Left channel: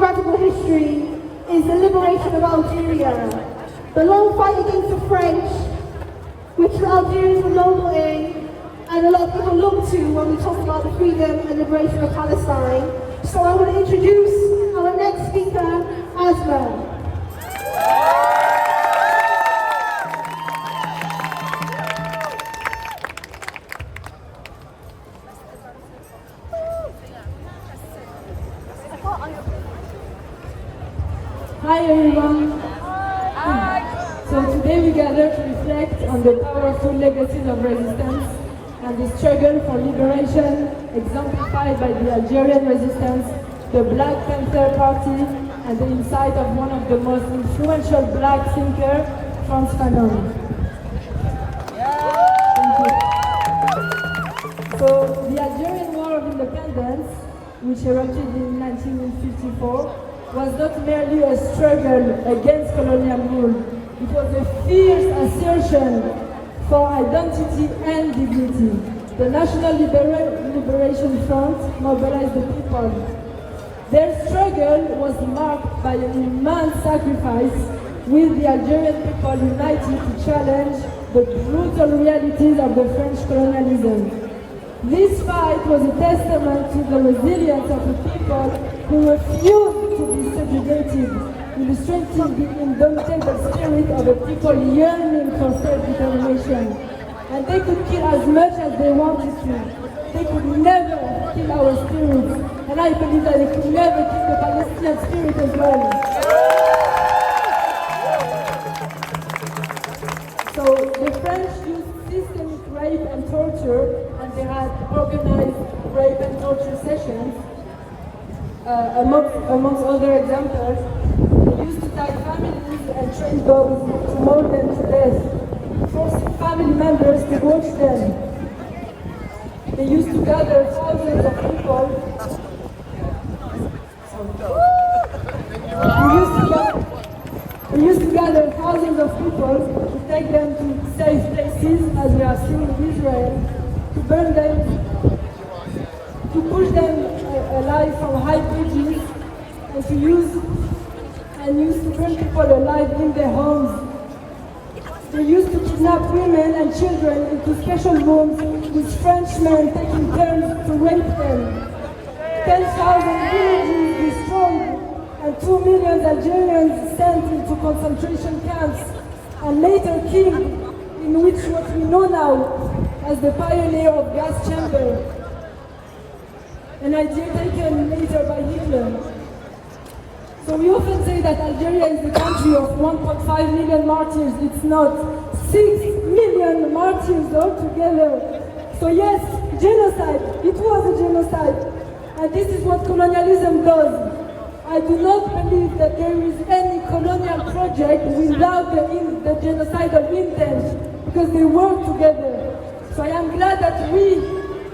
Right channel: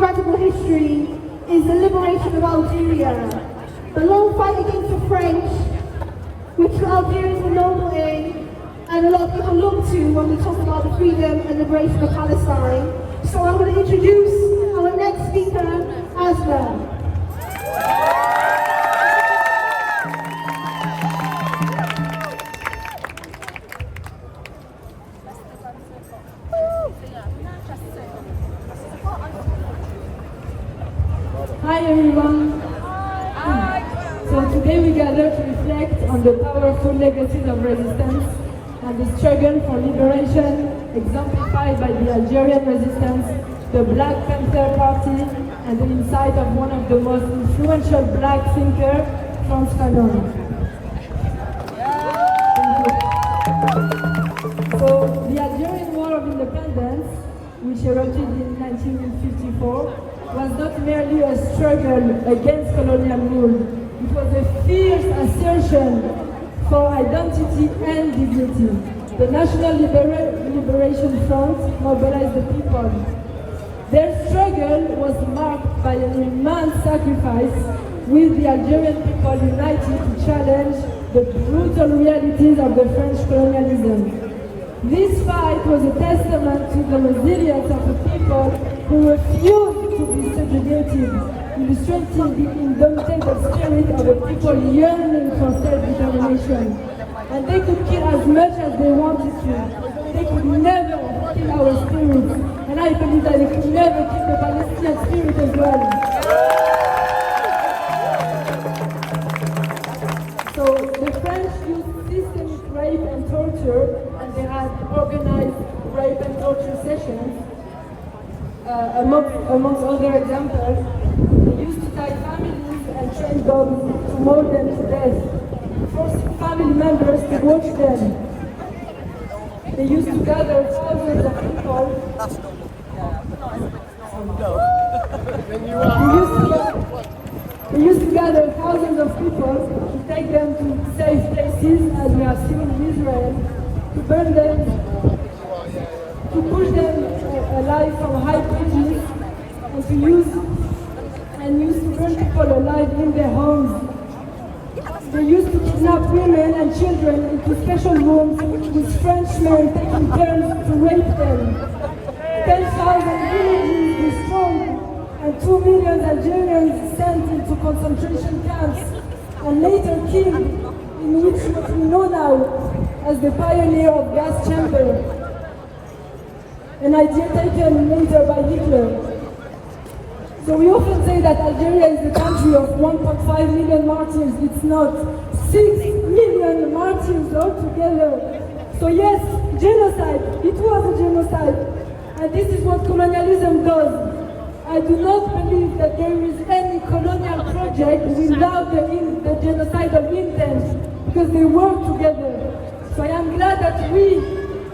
radical history is the liberation of Algeria. The long fight against the French, which Algerians were noble in, and a lot of people look to when we talk about the freedom and liberation of Palestine. So I want to introduce our next speaker, Asma. Hi everyone. So today we gather to reflect on the powerful legacies of resistance and the struggle for liberation exemplified by the Algerian resistance, the Black Panther Party, and the insight of one of the most influential black thinkers, Frantz Fanon. So the Algerian War of Independence, which erupted in 1954, was not merely a struggle against colonial rule. It was a fierce assertion for identity and dignity. The National Liberation Front mobilized the people. Their struggle was marked by an immense sacrifice, with the Algerian people united to challenge the brutal realities of the French colonialism. This fight was a testament to the resilience of the people who refused to be subjugated, illustrating the indomitable spirit of a people yearning for self-determination. And they could kill as much as they wanted to. They could never kill our spirits. And I believe that they could never kill the Palestinian spirit as well. So the French used systemic rape and torture, and they had organized rape and torture sessions. Amongst other examples, they used to tie families and train dogs to maul them to death, forcing family members to watch them. They used to gather thousands of people. They used to gather thousands of people to take them to safe places, as we have seen in Israel, to burn them, to push them alive from high bridges, and to use to burn people alive in their homes. They used to kidnap women and children into special rooms, with Frenchmen taking turns to rape them. 10,000 villages destroyed, and 2 million Algerians sent into concentration camps, and later killed, in which what we know now as the pioneer of gas chamber, an idea taken later by Hitler. So we often say that Algeria is the country of 1.5 million martyrs. It's not. 6 million martyrs altogether. So yes, genocide. It was a genocide. And this is what colonialism does. I do not believe that there is any colonial project without the genocidal intent, because they work together. So I am glad that we,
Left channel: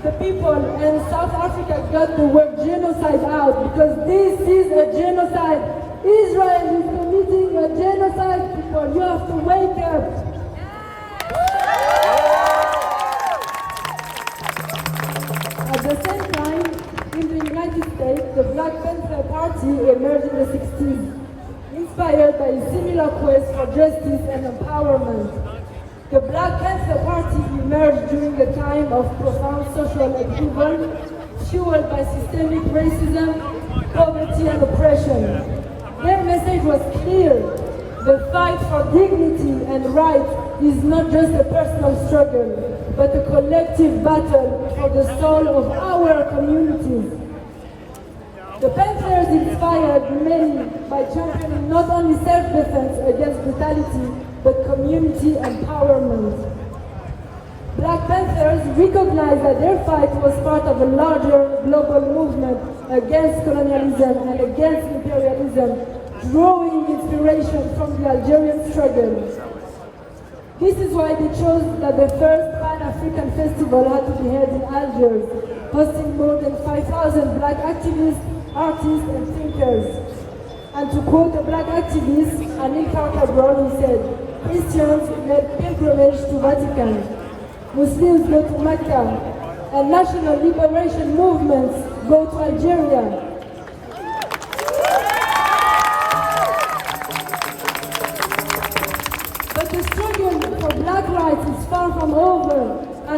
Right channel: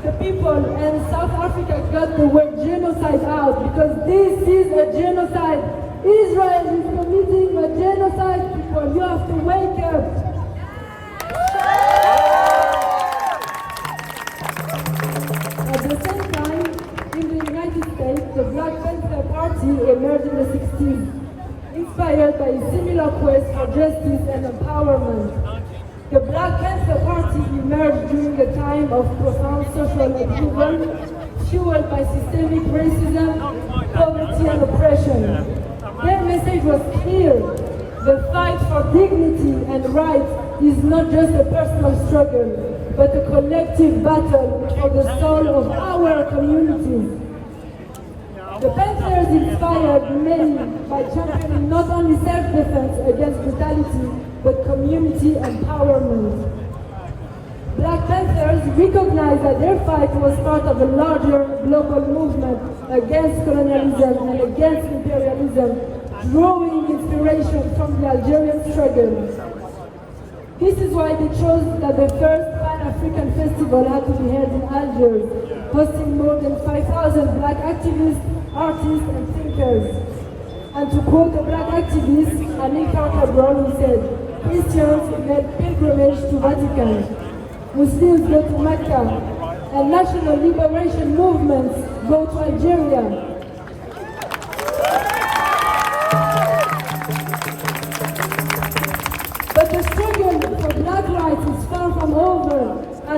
the people in South Africa, got the word genocide out, because this is a genocide. Israel is committing a genocide, people. You have to wake up. At the same time, in the United States, the Black Panther Party emerged in the 60s, inspired by a similar quest for justice and empowerment. The Black Panther Party emerged during a time of profound social upheaval, fueled by systemic racism, poverty, and oppression. Their message was clear: the fight for dignity and rights is not just a personal struggle, but a collective battle for the soul of our communities. The Panthers inspired many by championing not only self-defense against brutality, but community empowerment. Black Panthers recognized that their fight was part of a larger global movement against colonialism and against imperialism, drawing inspiration from the Algerian struggle. This is why they chose that the first Pan-African festival had to be held in Algiers, hosting more than 5,000 black activists, artists, and thinkers. And to quote a black activist, Annie Carter Brown, who said, "Christians make pilgrimage to Vatican, Muslims go to Mecca, and national liberation movements go to Algeria."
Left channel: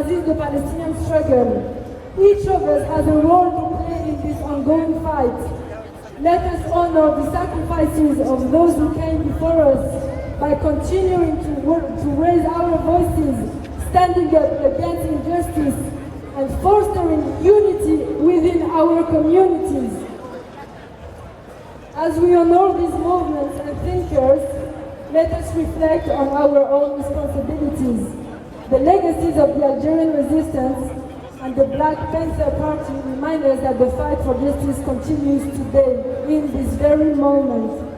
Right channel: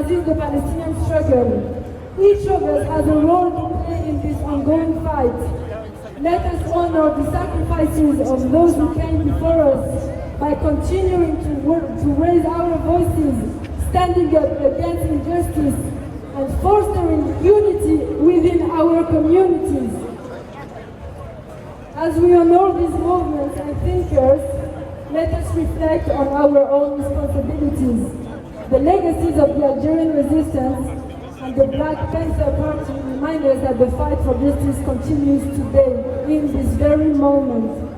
resist the Palestinian struggle. Each of us has a role to play in this ongoing fight. Let us honor the sacrifices of those who came before us by continuing to raise our voices, standing up against injustice, and fostering unity within our communities. As we honor these movements and thinkers, let us reflect on our own responsibilities. The legacies of the Algerian resistance and the Black Panther Party remind us that the fight for justice continues today, in this very moment.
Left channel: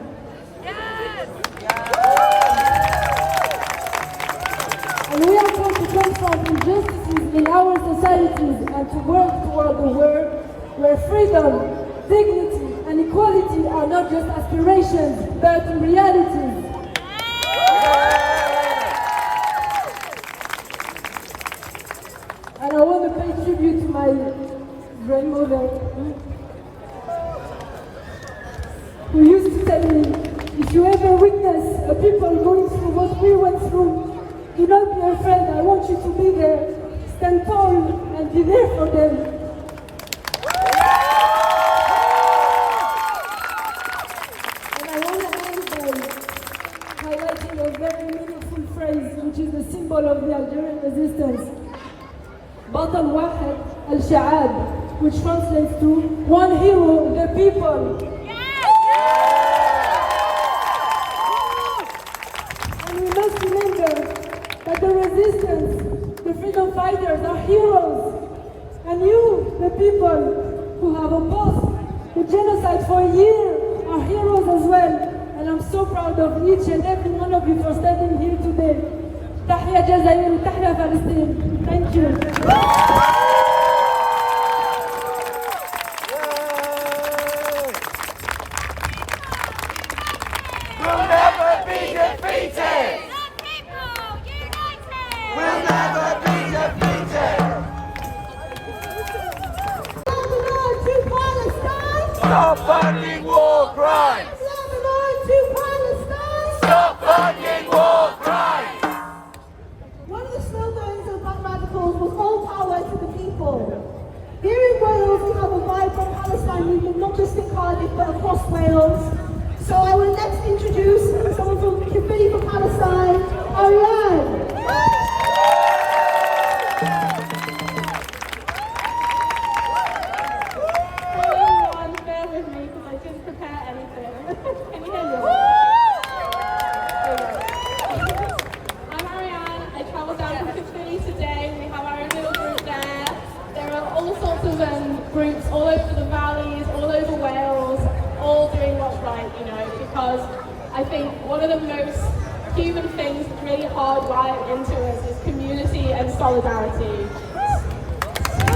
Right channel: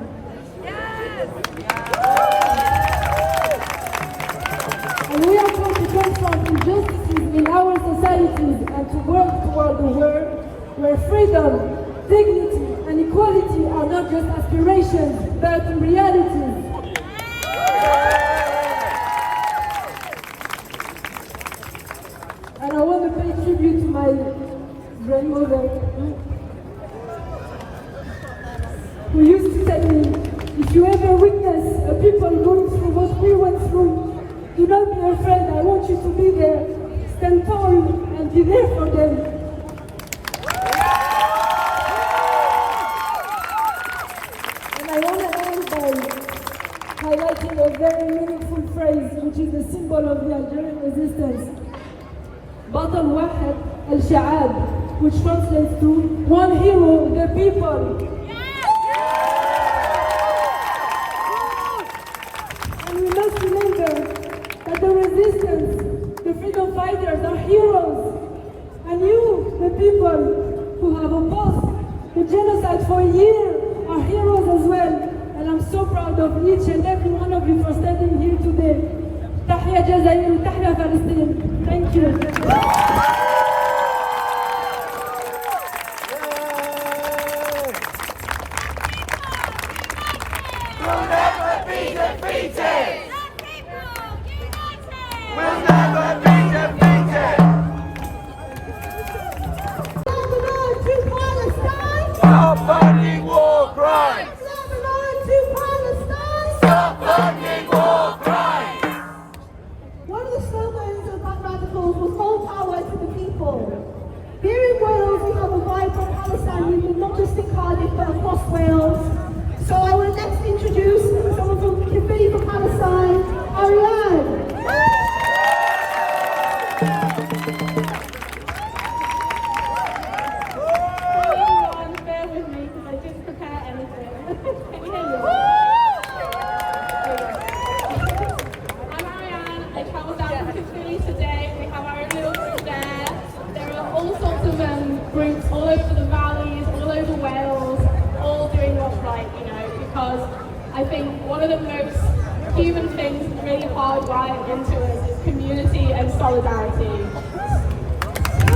And we are called to confront injustices in our societies and to work toward a world where freedom, dignity, and equality are not just aspirations, but realities. And I want to pay tribute to my grandmother, who used to tell me, if you ever witness a people going through what we went through, do not be afraid, I want you to be there. Stand tall and be there for them. And I want to end by highlighting a very meaningful phrase, which is the symbol of the Algerian resistance. بطل واحد الشعاب, which translates to one hero, the people. And we must remember that the resistance, the freedom fighters are heroes. And you, the people who have opposed the genocide for a year, are heroes as well. And I'm so proud of each and every one of you for standing here today. تحيا جزائر وتحيا فلسطين. Thank you. We'll never be defeated. We'll never be defeated. Lebanon to Palestine! Stop funding war crimes. Lebanon to Palestine! Stop funding war crimes. One of the slogans of Black Radicals was all power to the people. Here in Wales, we have a vibrant Palestine movement, not just in Cardiff, but across Wales. So I will next introduce someone from Kifili from Palestine, Ariane. Everyone, bear with me because I didn't prepare anything. Can you hear me? I'm Ariane. I travelled down from Kifili today. We have our own little group there. There are all sorts of groups all over the valleys, all over Wales, all doing what's right, you know, because I think one of the most human things really hardwired into us is community and solidarity. So,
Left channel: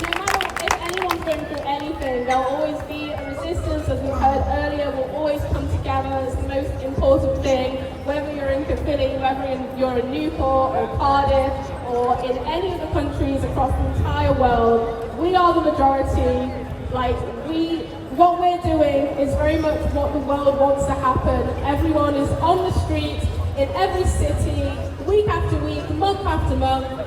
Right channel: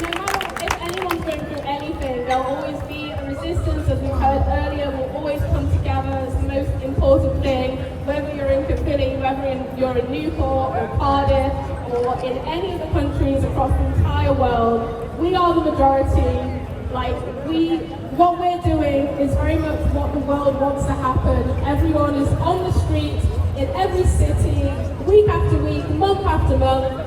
no matter if anyone's going through anything, there'll always be a resistance, as we heard earlier, we'll always come together as the most important thing, whether you're in Kifili, whether you're in Newport or Cardiff, or in any of the countries across the entire world. We are the majority. What we're doing is very much what the world wants to happen. Everyone is on the street, in every city, week after week, month after month,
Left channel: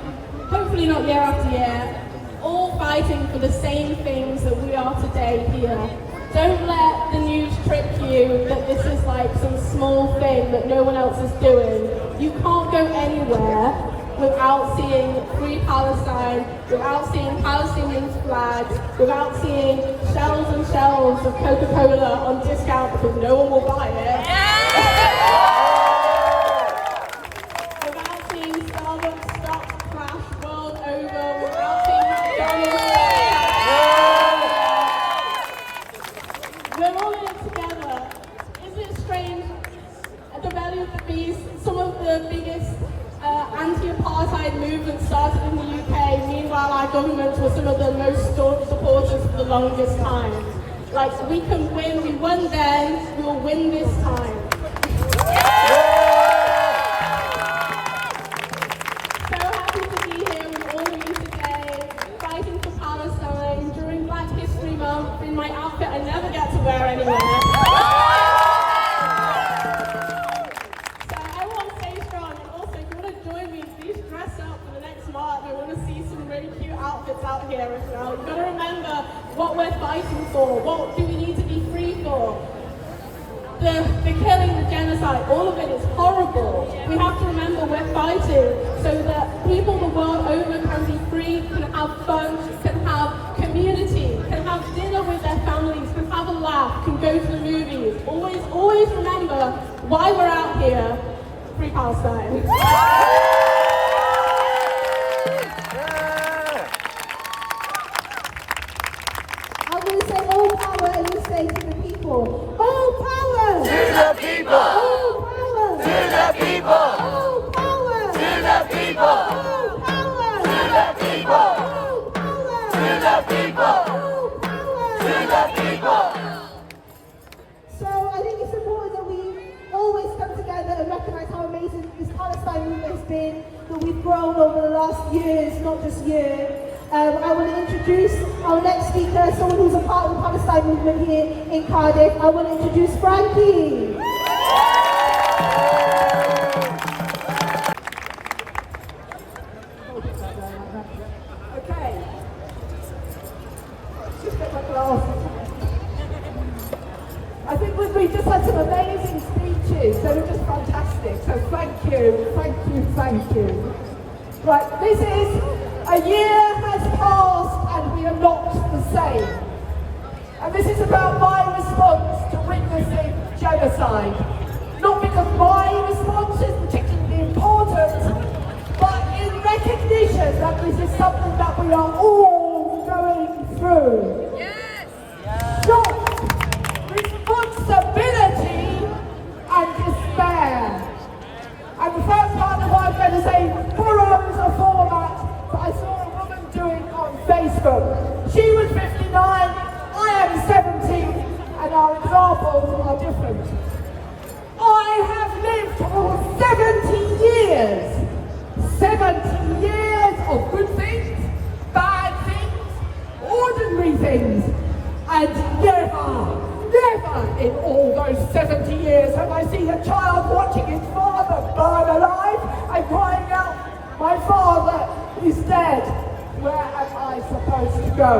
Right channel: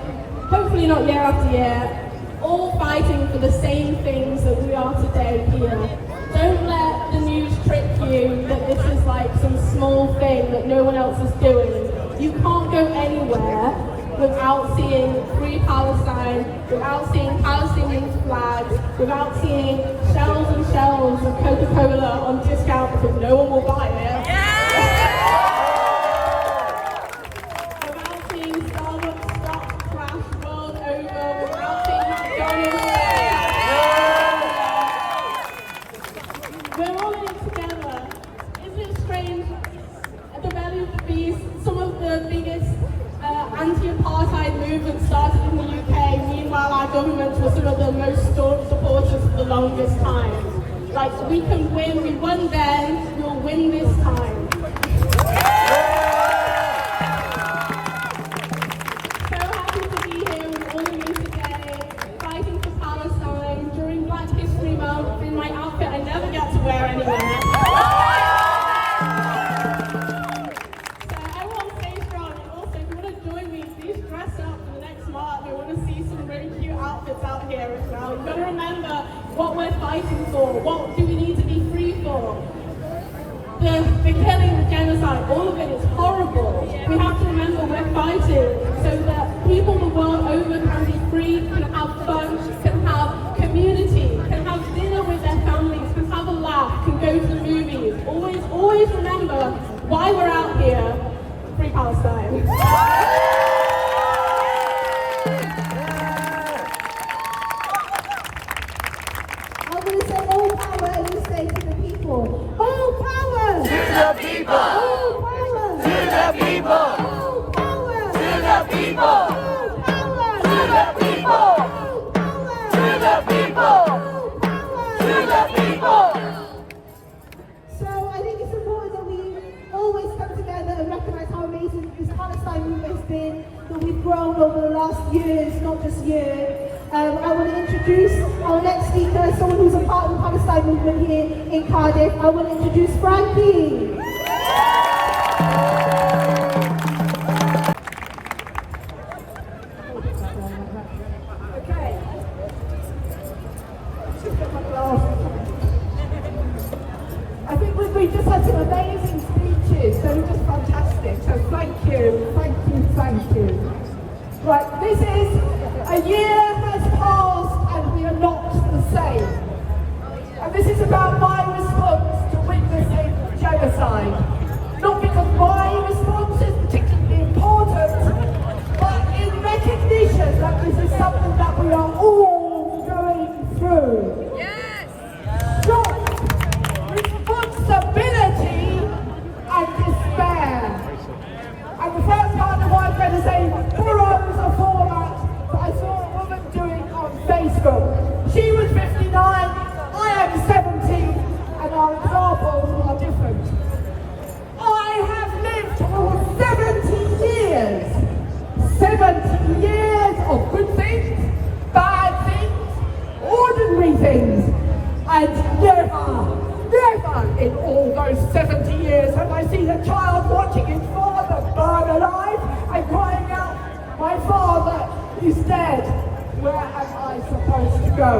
hopefully not year after year, all fighting for the same things that we are today here. Don't let the news trick you that this is like some small thing that no one else is doing. You can't go anywhere without seeing Free Palestine, without seeing Palestinian flags, without seeing shelves and shelves of Coca-Cola on discount because no one will buy it. Without seeing Starbucks stock crash world over, without seeing McDonald's. We're all in it together. Isn't it strange? At the belly of the beast, some of the biggest anti-apartheid movement started in the UK. Meanwhile, our governments were some of the most staunch supporters for the longest time. Like, we can win. We won then. We'll win this time. So happy to be here with all of you today, fighting for Palestine during Black History Month in my outfit I never get to wear anywhere. here as well. You've got to remember what we're fighting for. What do we need to be free for? The killing, the genocide, all of it is horrible. We have to remember we're fighting so that people the world over can be free, can have fun, can have community, can have dinner with their families, can have a laugh, can go to the movies. Always remember why we're out here. Free Palestine. I'm going to say all power and you say to the people. All power! To the people! All power! To the people! All power! To the people! All power! To the people! All power! To the people! All power! To the people! So I think it's important that we always come together and recognise how amazing this Palestine movement has been, that we've grown over the last years, not just year. I want to introduce our next speaker, someone who's a part of the Palestine movement here in Cardiff. I want to introduce Frankie. Okay. Just get my glasses. I think we just had some amazing speeches. They were just fantastic. So thank you, thank you, thank you. Right, this is a year has passed and we are not the same. And this is about my response to witnessing genocide. Not because my response is particularly important, but in recognition that this is something that we are all going through. Yes! Shock, responsibility and despair. And the first part of what I'm going to say borrows a format that I saw a woman doing on Facebook. She was 59, I am 70, and our examples are different. I have lived for 70 years. 70 years of good things, bad things, ordinary things, and never in all those 70 years have I seen a child watching his father burn alive and crying out, "My father is dead, where am I supposed to go?"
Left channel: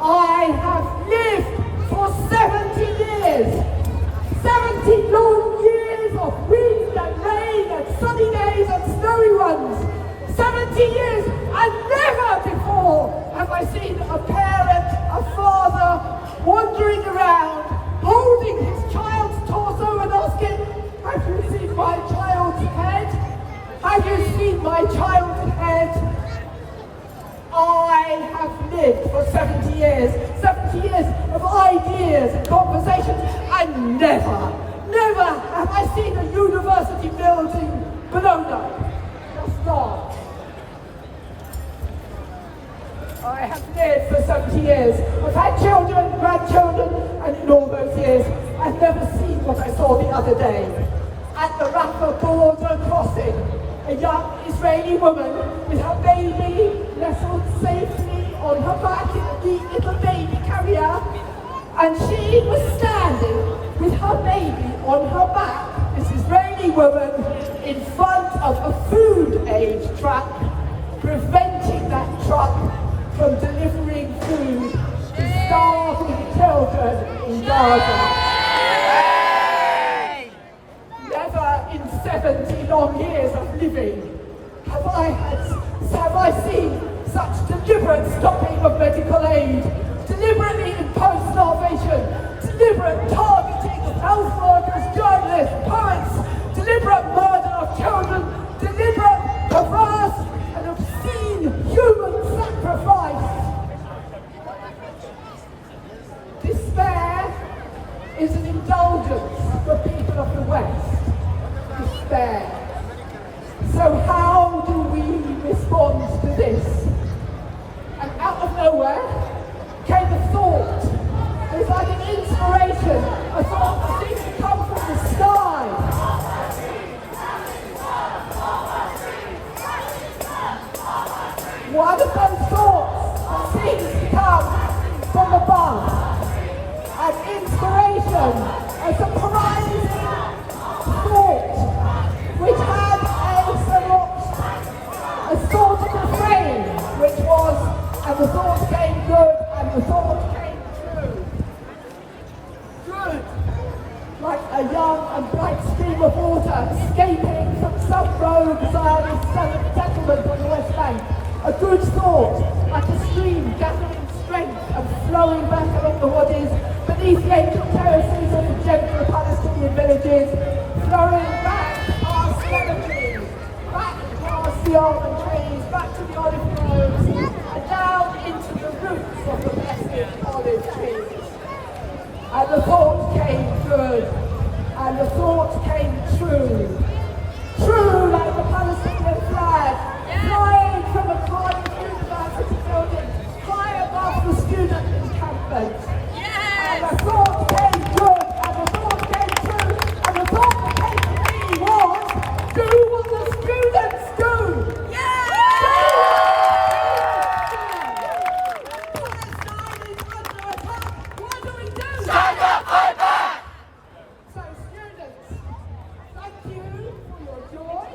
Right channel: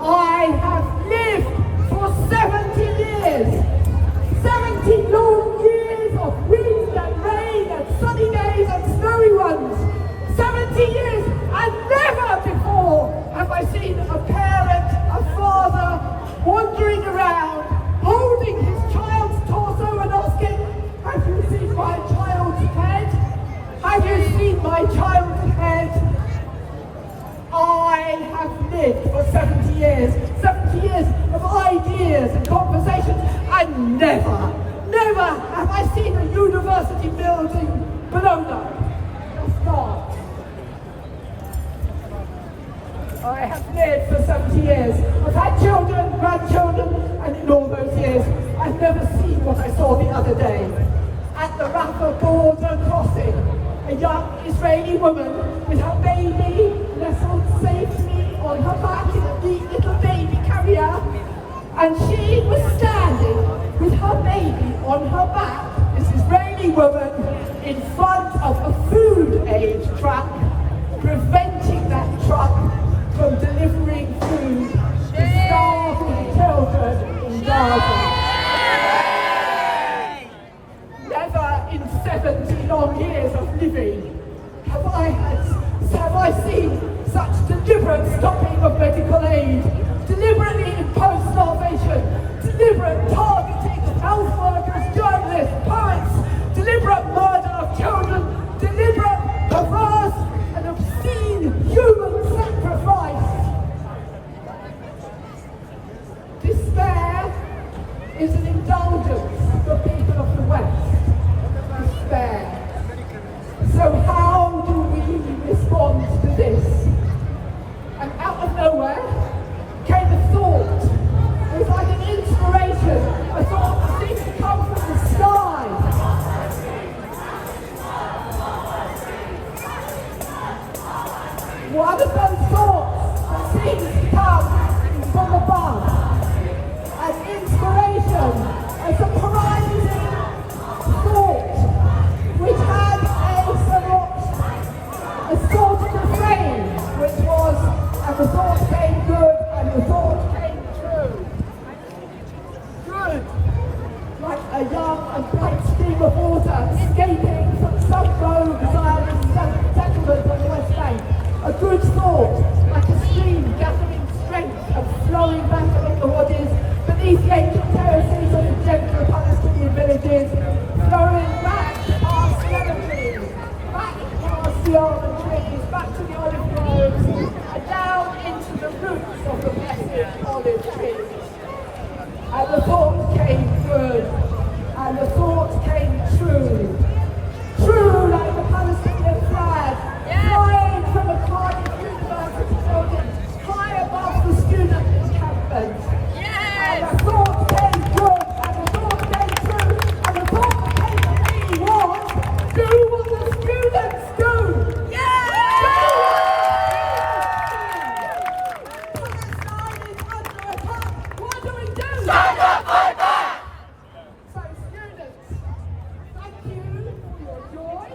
I have lived for 70 years, 70 long years of wind and rain and sunny days and snowy ones, 70 years, and never before have I seen a parent, a father, wandering around, holding his child's torso and asking, "Have you seen my child's head? Have you seen my child's head?" I have lived for 70 years of ideas and conversations, and never have I seen a university building blown up. Just not. I have lived for 70 years. I've had children, grandchildren, and in all those years, I've never seen what I saw the other day. At the Rafah border crossing, a young Israeli woman with her baby nestled safely on her back in a neat little baby carrier, and she was standing with her baby on her back, this Israeli woman, in front of a food aid truck, preventing that truck from delivering food to starving children in Gaza. Never in 70 long years of living have I seen such deliberate stopping of medical aid, deliberately imposed starvation, deliberate targeting of health workers, journalists, poets, deliberate murder of children, deliberate, perverse and obscene human sacrifice. Despair is an indulgence for people of the West. Despair. So how do we respond to this? And out of nowhere came a thought. It was like an inspiration, a thought that seemed to come from the sky. One of those thoughts that seems to come from above. An inspiration, a surprising thought, which had a sort of refrain, which was, And the thought came good, and the thought came true. Good, like a young and bright stream of water escaping from some rogue Zionist settlement on the West Bank. A good thought, like a stream gathering strength and flowing back along the waters beneath the ancient terraces of the gentler Palestinian villages, flowing back past cemeteries, back past the almond trees, back to the olive groves, and down into the roots of the blessed olive trees. And the thought came good, and the thought came true. True like the Palestinian flag, flying from a Cardiff University building high above the student encampment. And the thought came good, and the thought came true, and the thought that came to me was, do what the students do! What do we do? Stand up, fight back! So students, thank you for your joy,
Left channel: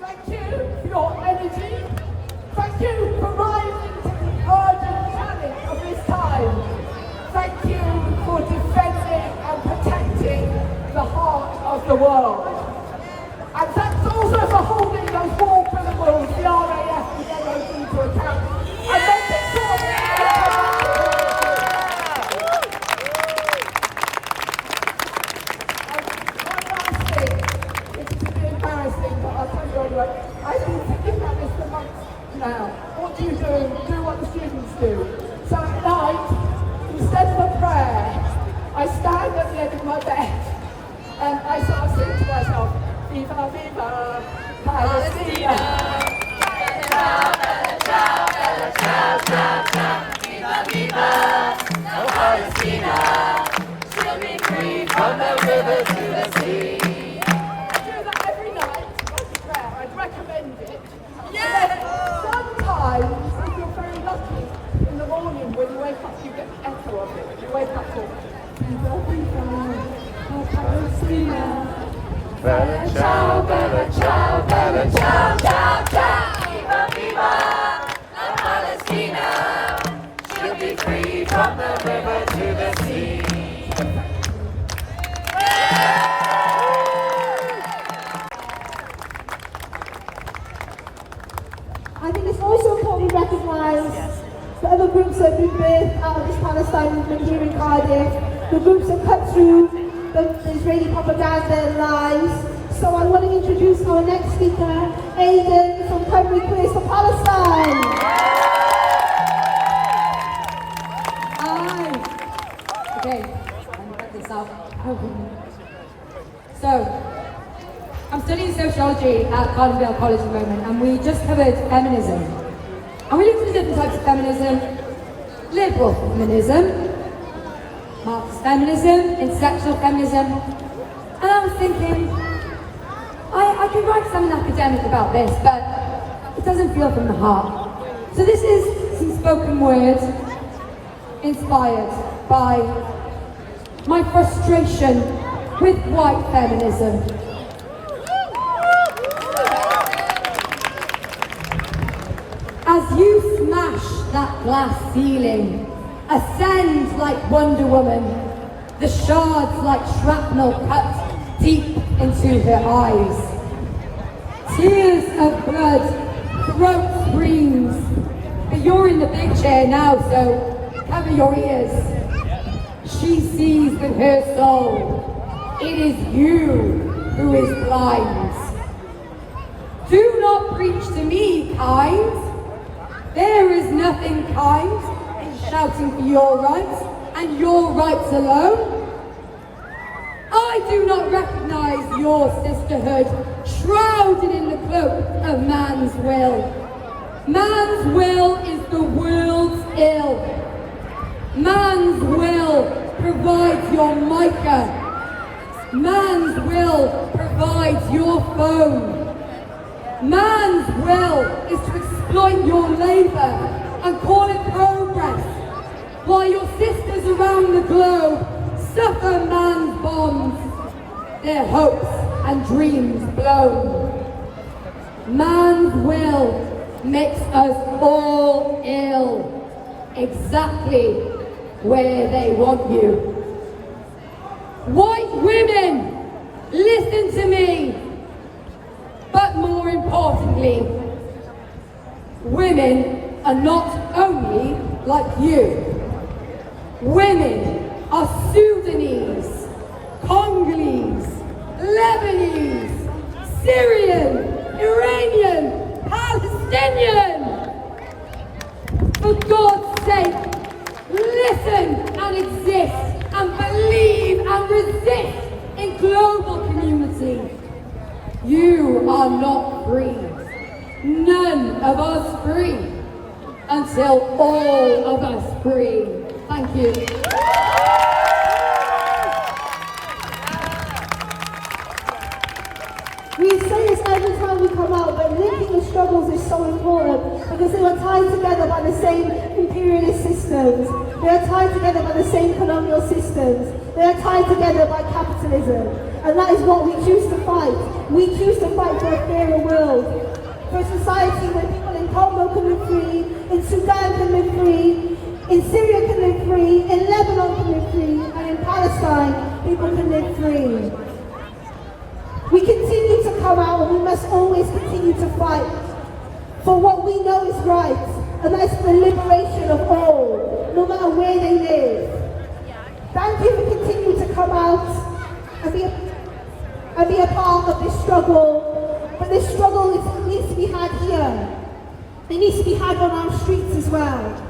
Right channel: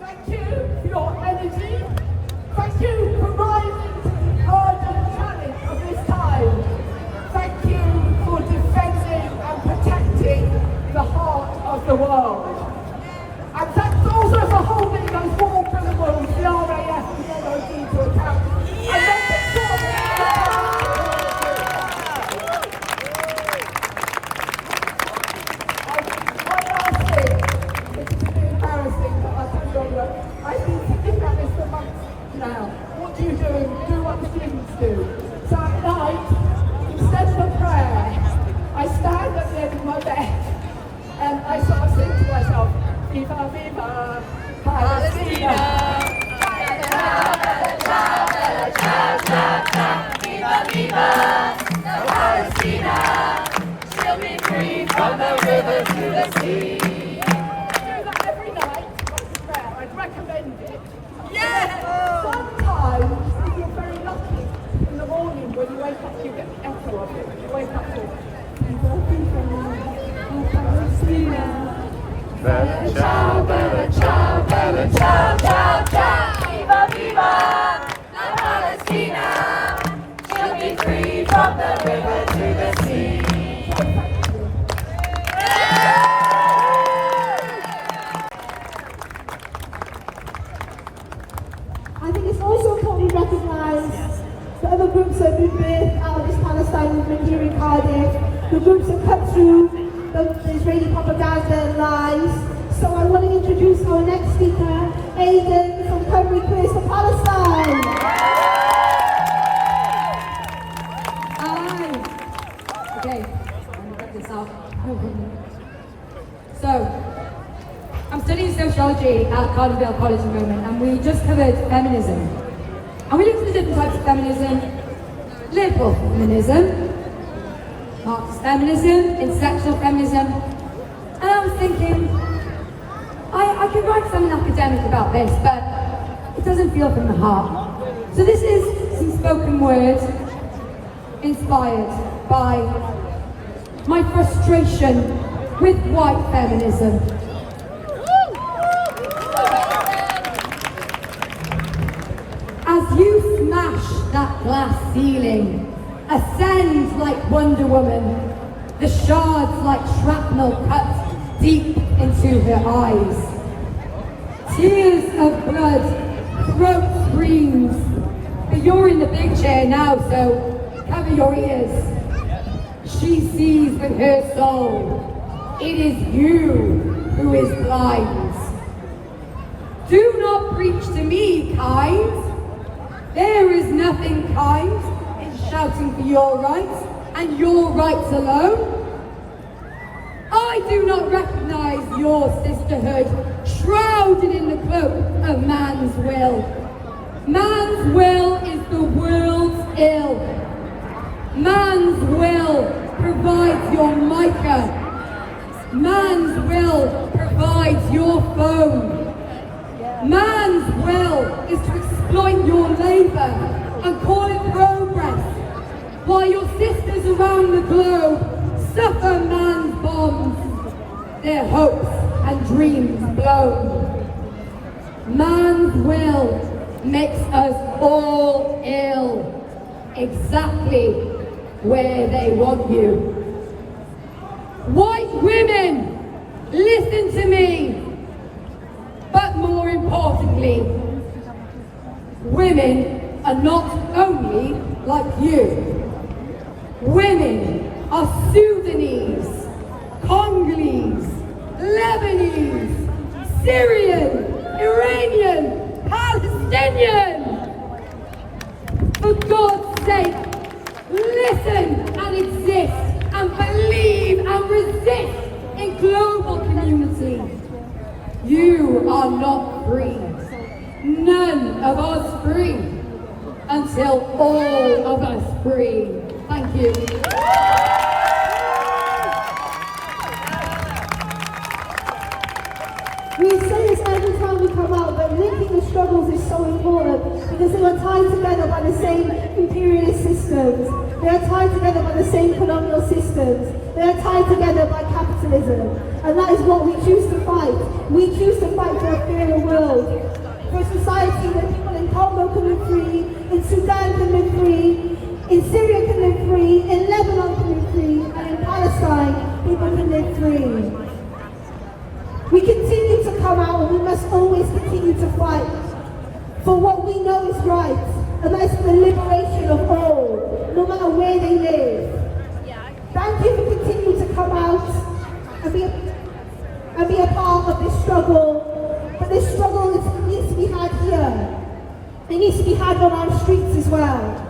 thank you for your energy, thank you for rising to the urgent challenge of this time. Thank you for defending and protecting the heart of the world. And thanks also for holding those war criminals, the RAF and the NOD to account. And making sure that they come out of one last thing, which is a bit embarrassing, but I'll tell you anyway. I've been thinking about this for months now. What do you do? Do what the students do. So at night, instead of a prayer, I stand at the end of my bed and I sort of sing to myself, Viva, Viva, Palestina! Viva, viva, Palestina! She'll be free from the river to the sea. I do that every night, like a prayer. I'd recommend it. Yes! Sometimes, if you're very lucky, in the morning when you wake up, you get the echo of it. When you wake up to Bella ciao, bella ciao, bella ciao, ciao, ciao. Viva, viva, la Palestina. She'll be free from the river to the sea. I think it's also important to recognise the other groups that have been birthed out of this Palestine movement here in Cardiff, the groups that cut through the Israeli propaganda and lies. So I want to introduce our next speaker, Aidan from Primary Place for Palestine. Hi. Okay, I'm gonna get this up. So, I'm studying sociology at Cardiff College at the moment, and we just covered feminism. And we looked at the different types of feminism: liberal feminism, Marxist feminism, intersectional feminism. And I was thinking, I could write something academic about this, but it doesn't feel from the heart. So this is some spoken word inspired by my frustration with white feminism. As you smash that glass ceiling, ascend like Wonder Woman, the shards like shrapnel cut deep into her eyes. Tears of blood, throat screams. But you're in the big chair now, so cover your ears. She sees with her soul. It is you who is blind. Do not preach to me, kind. There is nothing kind in shouting for your rights and your rights alone. I do not recognize your sisterhood shrouded in the cloak of man's will. Man's will is the world's ill. Man's will provides your mica. Man's will provides your phone. Man's will is to exploit your labour and call it progress, while your sisters around the globe suffer man's bombs, their hopes and dreams blown. Man's will makes us all ill, exactly where they want you. White women, listen to me, but more importantly, women are not only like you. Women are Sudanese, Congolese, Lebanese, Syrian, Iranian, Palestinian. For God's sake, listen and exist and believe and resist in global community. You are not free. None of us free until all of us free. Thank you. We say this every time we come out, but linking the struggles is so important because they were tied together by the same imperialist systems. They are tied together by the same colonial systems. They are tied together by capitalism. And that is what we choose to fight. We choose to fight for a fairer world. For a society where people in Congo can live free, in Sudan can live free, in Syria can live free, in Lebanon can live free, and in Palestine people can live free. We continue to come out and we must always continue to fight for what we know is right, and that is the liberation of all, no matter where they live. Thank you for continuing to come out and be a part of this struggle. But this struggle needs to be had here. It needs to be had on our streets as well.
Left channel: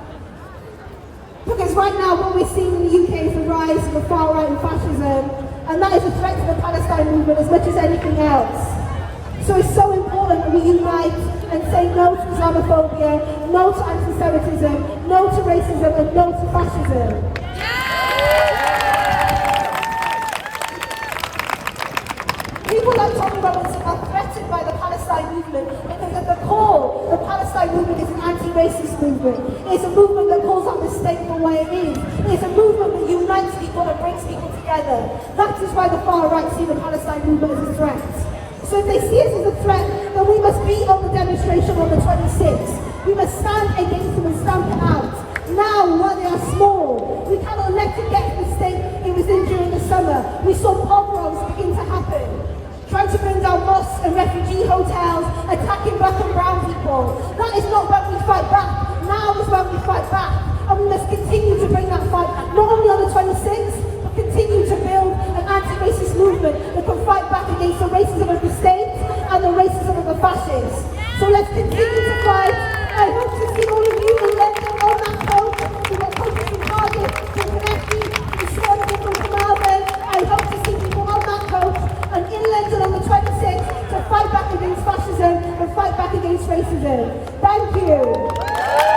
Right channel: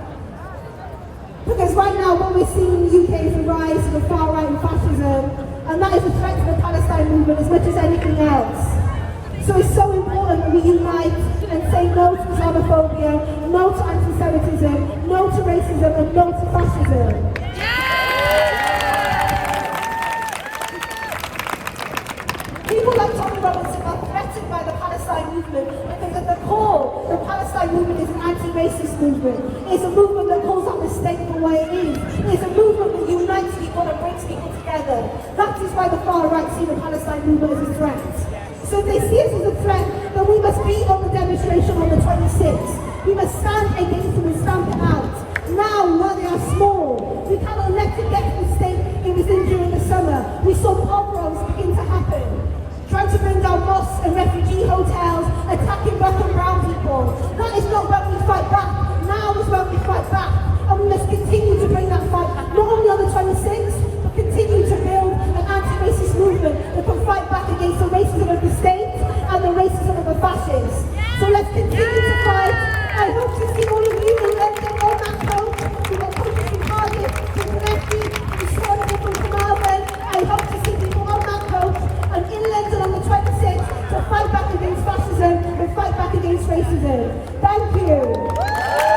Because right now what we're seeing in the UK is a rise of the far right and fascism, and that is a threat to the Palestine movement as much as anything else. So it's so important that we unite and say no to Islamophobia, no to anti-Semitism, no to racism, and no to fascism. People are talking about us are threatened by the Palestine movement, because at the core, the Palestine movement is an anti-racist movement. It's a movement that calls out the state for what it is. It's a movement that unites people and brings people together. That is why the far right see the Palestine movement as a threat. So if they see us as a threat, then we must be on the demonstration on the 26th. We must stand against them and stamp them out. Now, while they are small, we cannot let it get to the state it was in during the summer. We saw pogroms begin to happen, trying to bring down mosques and refugee hotels, attacking black and brown people. That is not when we fight back. Now is when we fight back. And we must continue to bring that fight, not only on the 26th, but continue to build an anti-racist movement that can fight back against the racism of the state and the racism of the fascists. So let's continue to fight. I hope to see all of you in London on that coach. We've got coaches from Cardiff, from Connecticut, from Scotland, from Carmarthen. I hope to see people on that coach and in London on the 26th to fight back against fascism and fight back against racism. Thank you.